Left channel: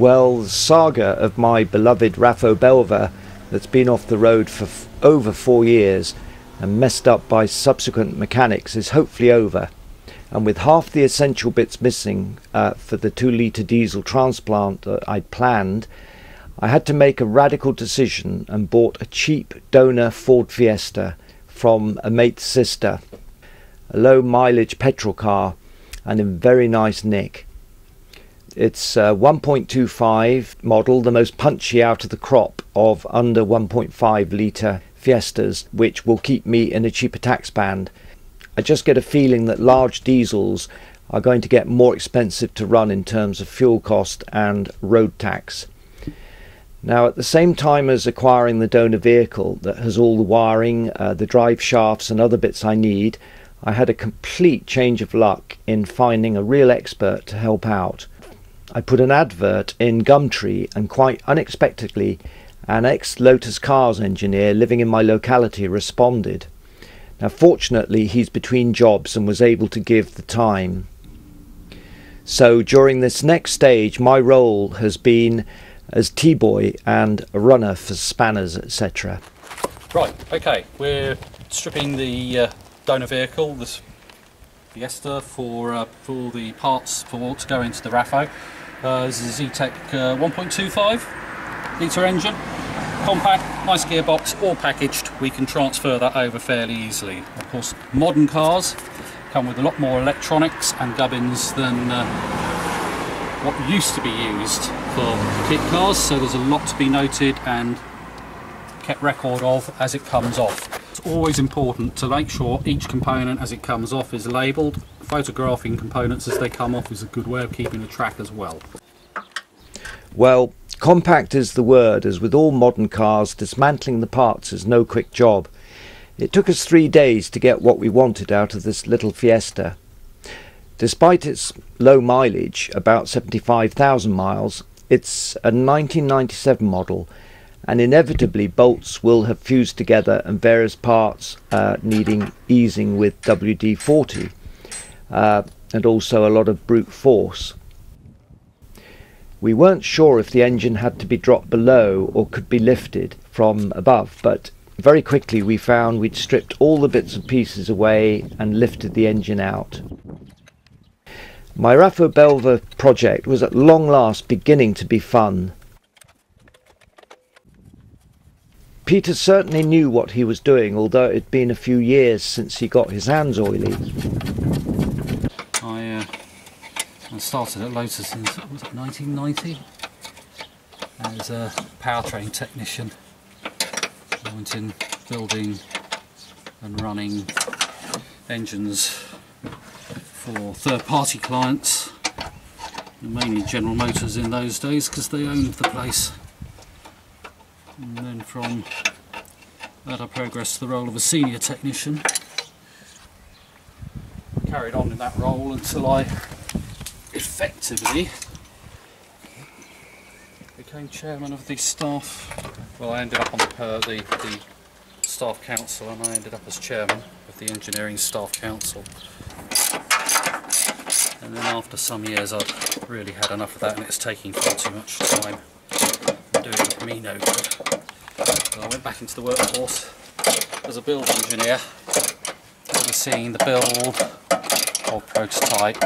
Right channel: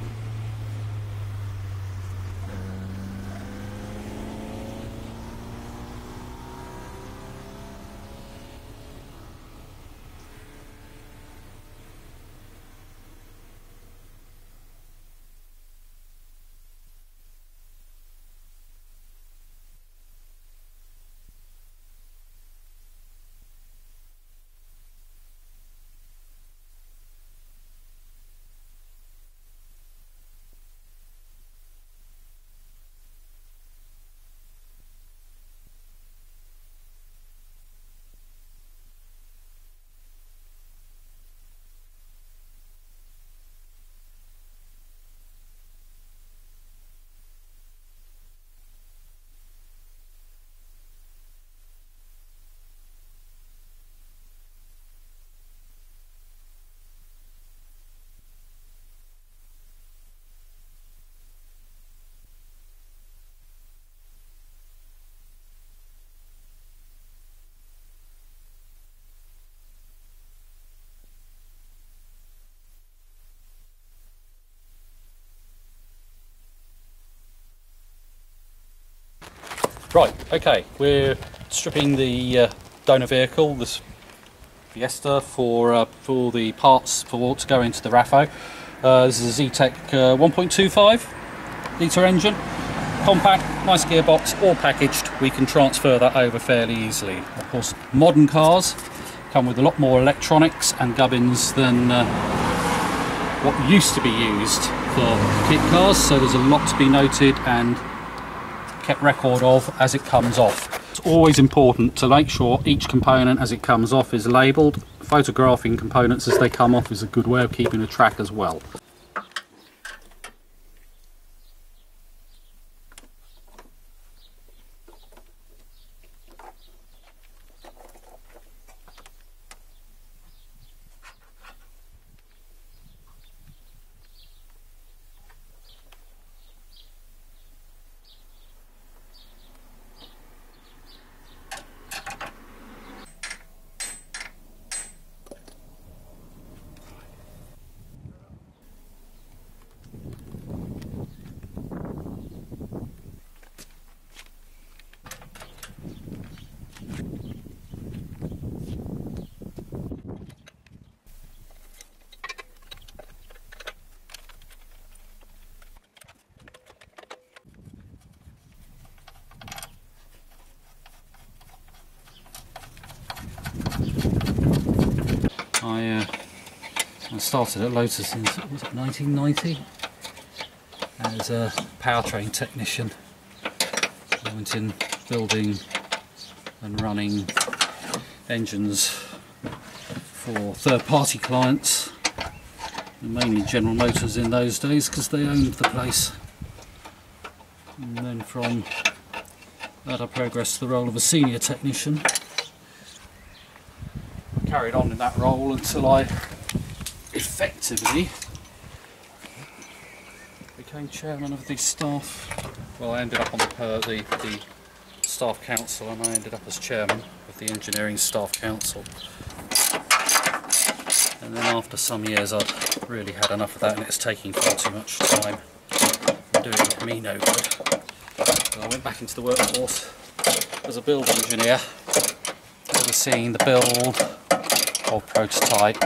Well, the saga of my beloved Raffo Belva that's been off the road for over 4 years and messed up by subsequent mechanics is hopefully over. And with half the essential bits missing for the 2-litre diesel transplant that I'd planned, I had to make a radical decision and bought a cheap donor Ford Fiesta from a mate's sister, a low mileage petrol car and in very nice nick. It's a 1.25 model, the most punchy out of the crop of under 1.5 litre Fiestas, which will keep me in a cheaper tax band. I just get a feeling that large diesels are going to get more expensive to run in terms of fuel cost and road tax. Now, at the same time as acquiring the donor vehicle that has all the wiring, the drive shafts and other bits I need, I had a complete change of luck in finding a real expert to help out. I put an advert in Gumtree and quite unexpectedly an ex-Lotus Cars engineer living in my locality responded. Now fortunately he's between jobs and was able to give the time. So during this next stage my role has been as T-boy and a runner for spanners, etc. Right, okay, we're stripping the donor vehicle, this Fiesta, for the parts to go into the Raffo. This is a Zetec 1.25 litre engine, compact, nice gearbox, all packaged. We can transfer that over fairly easily. Of course, modern cars come with a lot more electronics and gubbins than what used to be used for kit cars, so there's a lot to be noted and kept record of as it comes off. It's always important to make sure each component as it comes off is labelled. Photographing components as they come off is a good way of keeping a track as well. Well, compact is the word, as with all modern cars, dismantling the parts is no quick job. It took us 3 days to get what we wanted out of this little Fiesta. Despite its low mileage, about 75,000 miles, it's a 1997 model, and inevitably bolts will have fused together and various parts needing easing with WD-40 and also a lot of brute force. We weren't sure if the engine had to be dropped below or could be lifted from above, but very quickly we found we'd stripped all the bits and pieces away and lifted the engine out. My Raffo Belva project was at long last beginning to be fun. Peter certainly knew what he was doing, although it had been a few years since he got his hands oily. I started at Lotus in, was it 1990? As a powertrain technician. I went in building and running engines for third-party clients, mainly General Motors in those days because they owned the place. And then from that I progressed to the role of a senior technician. I carried on in that role until I effectively became chairman of the staff. Well, I ended up on the staff council, and I ended up as chairman of the engineering staff council. And then after some years I'd really had enough of that, and it's taking far too much time and doing me no good. So I went back into the workforce as a build engineer, overseeing the build of prototype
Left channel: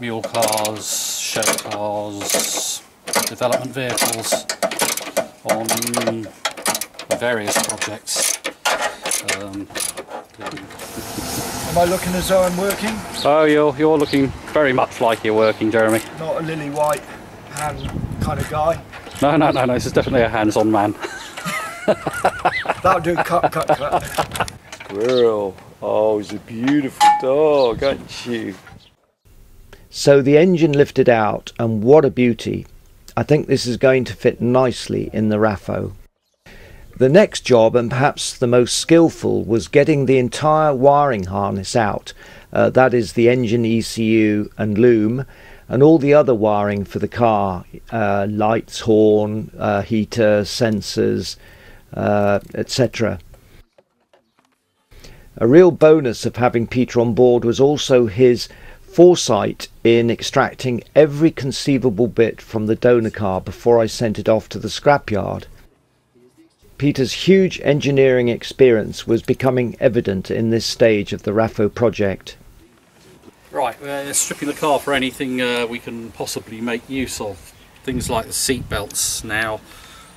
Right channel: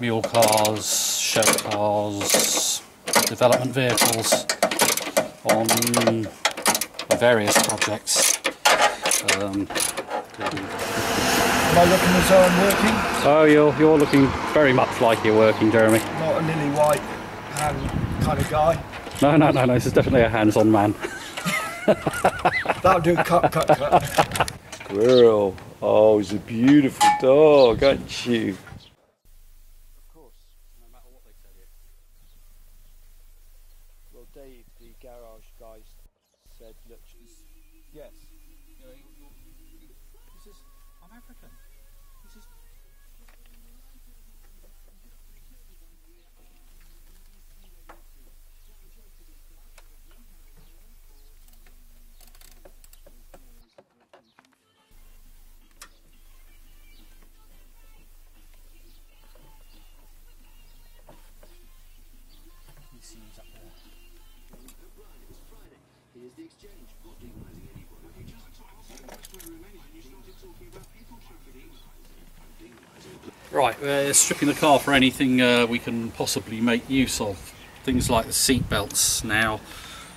mule cars, show cars, development vehicles on various projects. Am I looking as though I'm working? Oh, you're looking very much like you're working, Jeremy. Not a lily white hand kind of guy. No, this is definitely a hands-on man. That'll do, cut. Squirrel. Oh, he's a beautiful dog, aren't you? So the engine lifted out, and what a beauty. I think this is going to fit nicely in the Raffo. The next job, and perhaps the most skillful, was getting the entire wiring harness out. That is the engine ECU and loom, and all the other wiring for the car, lights, horn, heater, sensors, etc. A real bonus of having Peter on board was also his foresight in extracting every conceivable bit from the donor car before I sent it off to the scrapyard. Peter's huge engineering experience was becoming evident in this stage of the Raffo project. Right, stripping the car for anything we can possibly make use of. Things like the seat belts. Now,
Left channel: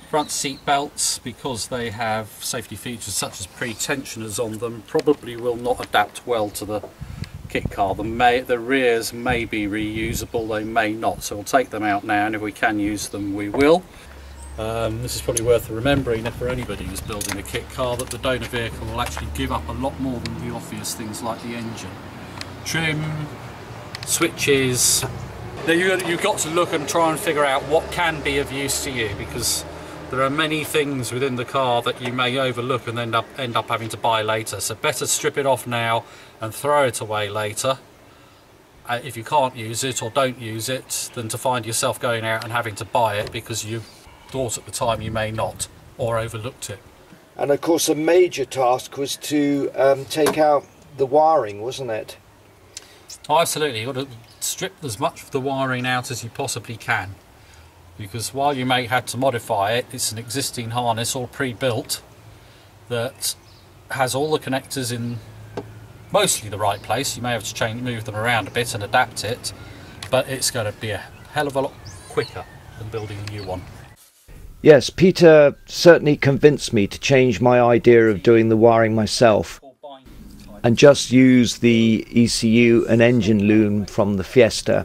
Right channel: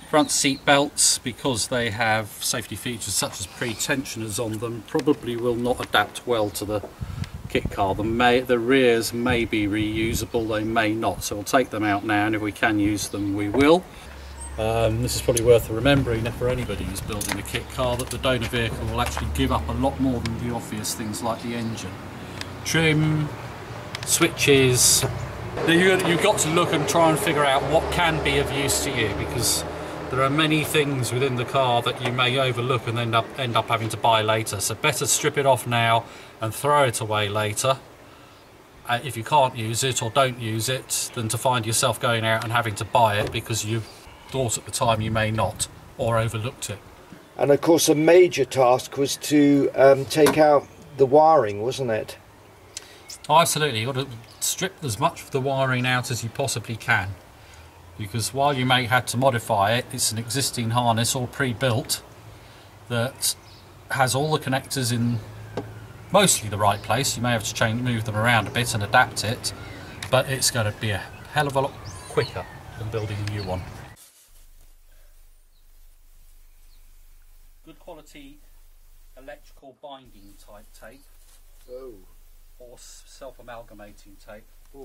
front seat belts, because they have safety features such as pre-tensioners on them, probably will not adapt well to the kit car. The rears may be reusable, they may not, so we'll take them out now, and if we can use them we will. This is probably worth remembering for anybody who's building a kit car, that the donor vehicle will actually give up a lot more than the obvious things like the engine. Trim, switches. Now you've got to look and try and figure out what can be of use to you, because there are many things within the car that you may overlook and end up having to buy later. So better strip it off now and throw it away later if you can't use it or don't use it, than to find yourself going out and having to buy it because you thought at the time you may not, or overlooked it. And of course a major task was to take out the wiring, wasn't it? Oh, absolutely. You've got to strip as much of the wiring out as you possibly can, because while you may have to modify it, it's an existing harness all pre-built that has all the connectors in mostly the right place. You may have to move them around a bit and adapt it, but it's going to be a hell of a lot quicker than building a new one. Yes, Peter certainly convinced me to change my idea of doing the wiring myself and just use the ECU and engine loom from the Fiesta.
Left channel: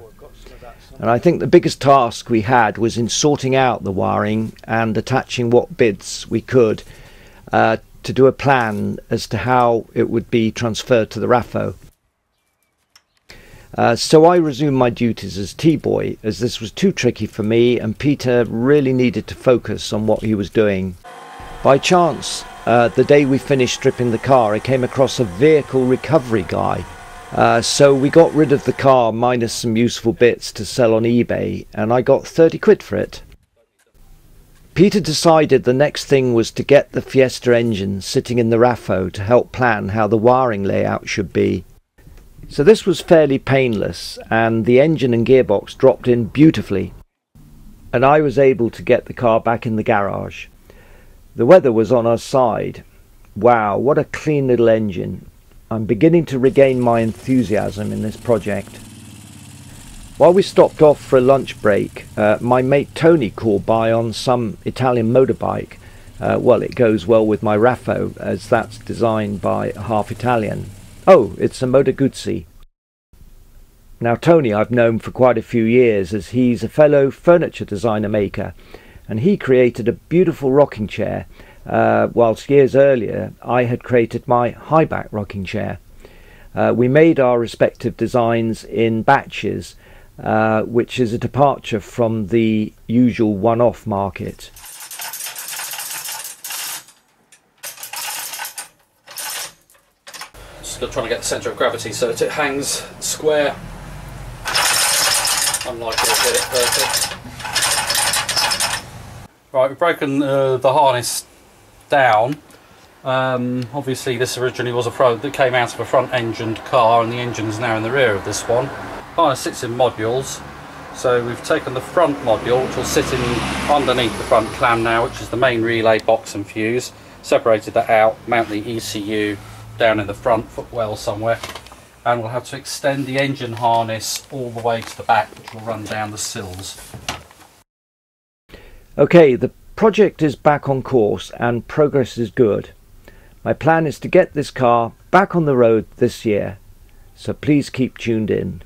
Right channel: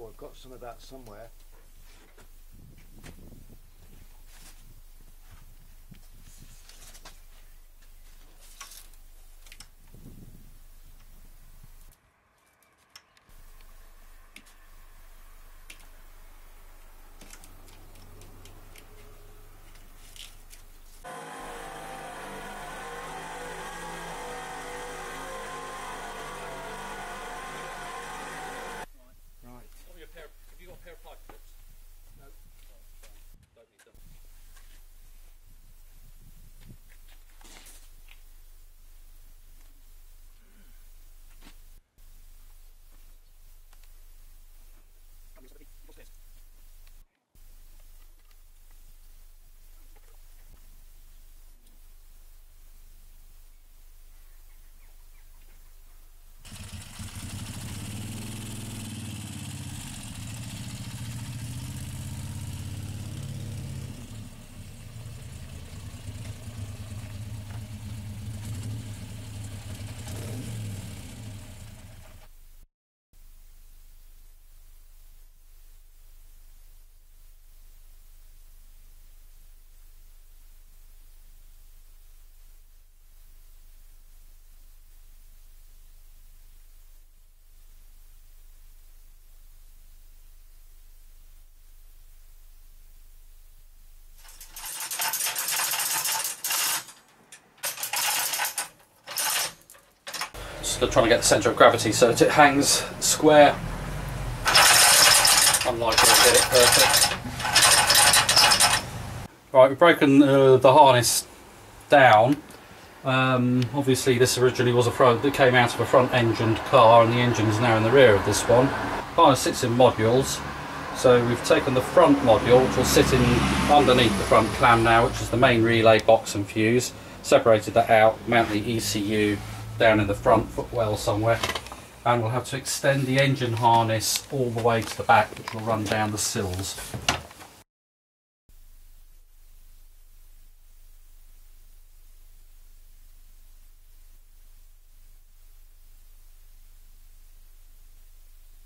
And I think the biggest task we had was in sorting out the wiring and attaching what bits we could to do a plan as to how it would be transferred to the Raffo. So I resumed my duties as T-boy, as this was too tricky for me and Peter really needed to focus on what he was doing. By chance, the day we finished stripping the car, I came across a vehicle recovery guy. So we got rid of the car minus some useful bits to sell on eBay, and I got 30 quid for it. Peter decided the next thing was to get the Fiesta engine sitting in the Raffo to help plan how the wiring layout should be. So this was fairly painless, and the engine and gearbox dropped in beautifully, and I was able to get the car back in the garage. The weather was on our side. Wow, what a clean little engine. I'm beginning to regain my enthusiasm in this project. While we stopped off for a lunch break, my mate Tony called by on some Italian motorbike. Well, it goes well with my Raffo, as that's designed by a half Italian. Oh, it's a Moto Guzzi. Now Tony I've known for quite a few years, as he's a fellow furniture designer maker, and he created a beautiful rocking chair, whilst years earlier I had created my high back rocking chair. We made our respective designs in batches, which is a departure from the usual one-off market. Just trying to get the centre of gravity so that it hangs square. Unlikely to get it perfect. Right, we've broken the harness down. Obviously this originally was that came out of a front engined car, and the engine is now in the rear of this one. Harness sits in modules, so we've taken the front module, which will sit in underneath the front clam now, which is the main relay box and fuse, separated that out, mount the ECU down in the front footwell somewhere, and we'll have to extend the engine harness all the way to the back, which will run down the sills. Okay, the project is back on course and progress is good. My plan is to get this car back on the road this year, so please keep tuned in.